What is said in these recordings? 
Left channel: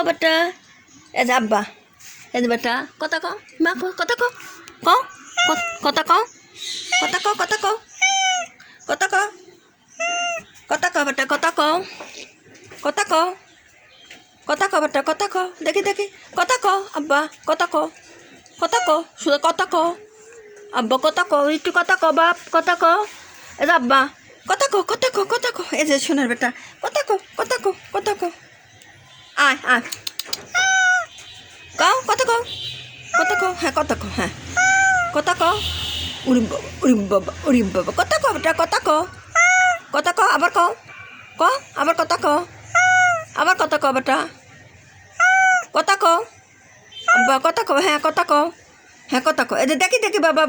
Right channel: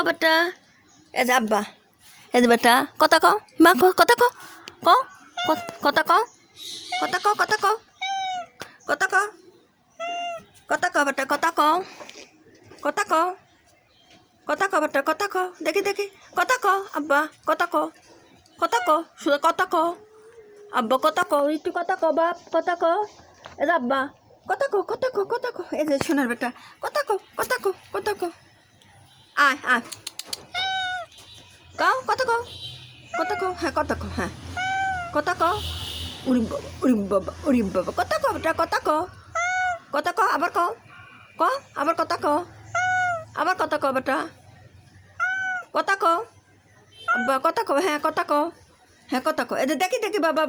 কও বেটা এ যে আব্বা এ যে বেটা কথা কও মা কও কথা কও কথা কও কথা কও কথা কও কথা কও কথা কও বেটা কথা কও কথা কও কথা কও বেটা কথা কও দেখি দেখি কথা কও আব্বা কথা কও শুধু কথা কও আব্বা কথা কও একটু কথা কও বাপ কথা কও এ যে আব্বা কথা কও এই যে সোনার বেটা কথা কও আয় কও কথা কও হ্যাঁ কথা কও হ্যাঁ কথা কও উড়িম বাবা কথা কও বেটা কথা কও আবার কও আবার কথা কও বেটা কথা কও আব্বা কথা কও হ্যাঁ কথা কও এই যে দেখি বাবা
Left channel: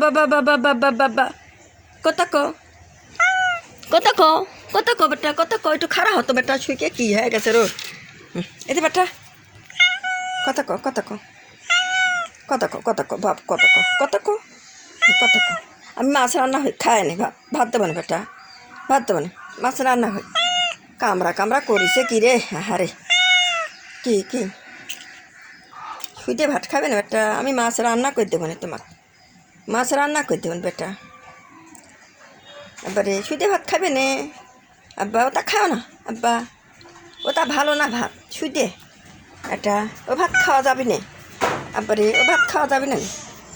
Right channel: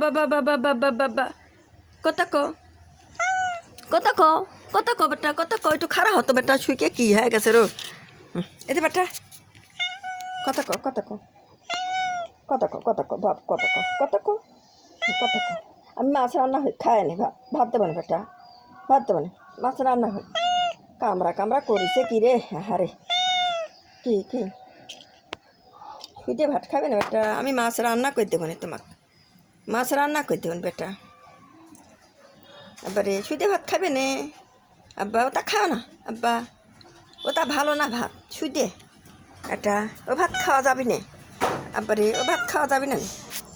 কথা কও বেটা কথা কও একটু খারাপ হতো বেটা শুইকে কি হয়ে গেছে রো এই যে বেটা কথা কও বাপ কথা কও আমি মাছ রান্না হই খাই নি ভাত দেবো না বেটা ভাত দেবো না মাছ রান্না হই কামড়া করিছে কি রে হারে কি শুইতে ভাত খাবে না বেটা আমি মাছ রান্না করে দেবো না তোমাকে মাছ রান্না করে দেবেন বেটা এবারে শুইতে ভাত খাবে না আব্বা ওটা খাও না আব্বা ওটা ভালো না ভাত শুইতে এটা ও ভাত খাওয়া যাবে না আব্বারে ও ভাত খাওয়া যাবে না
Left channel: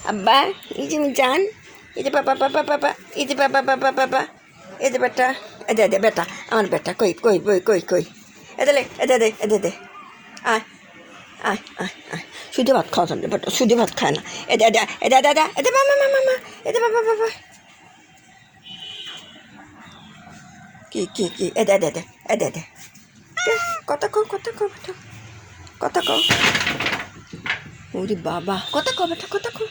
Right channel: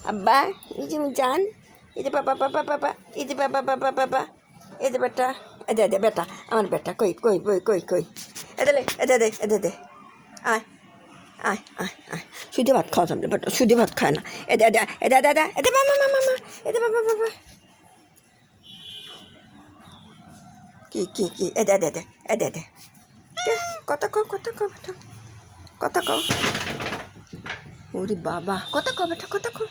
আব্বা এই যে জান এই যে বাবা এই যে বাবা এই যে বেটা এদে বেটা আমার বেটা কই এদে দে আয় শুধু ভাত খাওয়া যাবে বেটা শুধু ভাত খায় না এদে বাবা কি এদে কথা কও বেটা কথা কও ওরে বাবা কথা কও বেটা কথা কও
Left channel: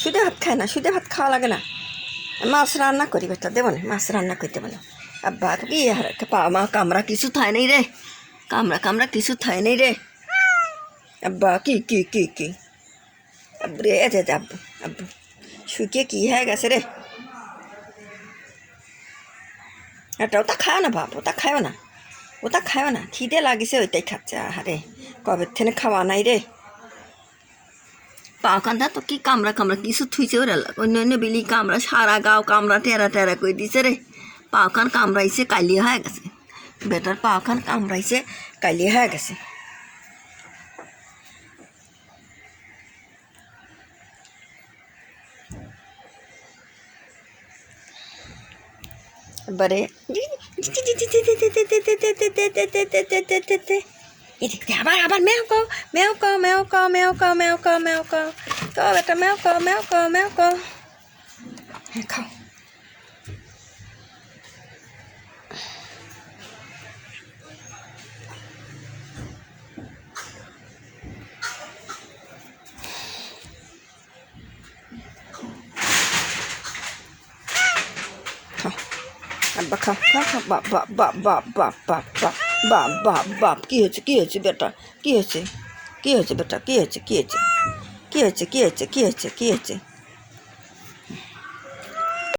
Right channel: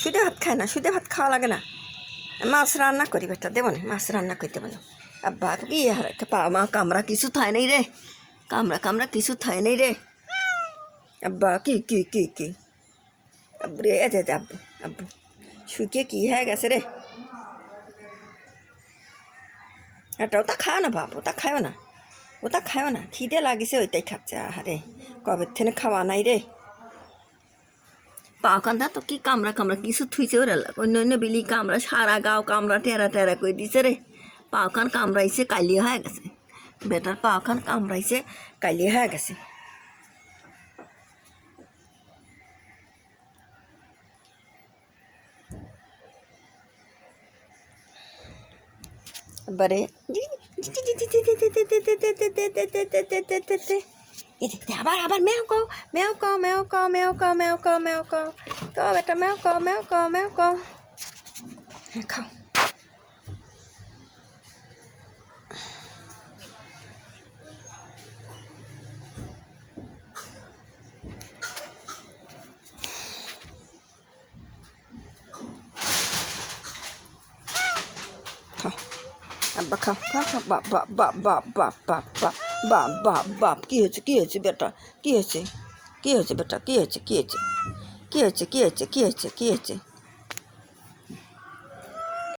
শুধু ভাত খায় না শুধু ভাত খাওয়া লাগে না মাছ রান্না করি বেটা দেবো না মাছ রান্না করে দেবো না আব্বা কি মা কামড়া কিছু থায় নাই রে কামড়া কিছু থায় নাই রে আব্বা কি আব্বু রে আব্বু শুকিয়ে কি হয়ে গেছে রে এটা ওটা খায় না বাপ ওটা খায় না খিদে লাগিছে ওইটাই খাচ্ছে আরে কবে থেকে খাওয়া নাই রে পাওখানটা তো কি কামড়া কিছু থুইছে ওরা অন্য বেলি কামড়া সারা গাও কামড়া টেরা করে দিছে রে পাওখান কামড়াইছে কালি হয়ে গেছে বেটার পাওখান কামড়াইছে কালি হয়ে গেছে এবারে আবার মেও কও এটা মেও কও হ্যাঁ খাও আব্বা খাও বাপ কি হয়েছে বেটা কি হয়েছে বেটা কি হয়েছে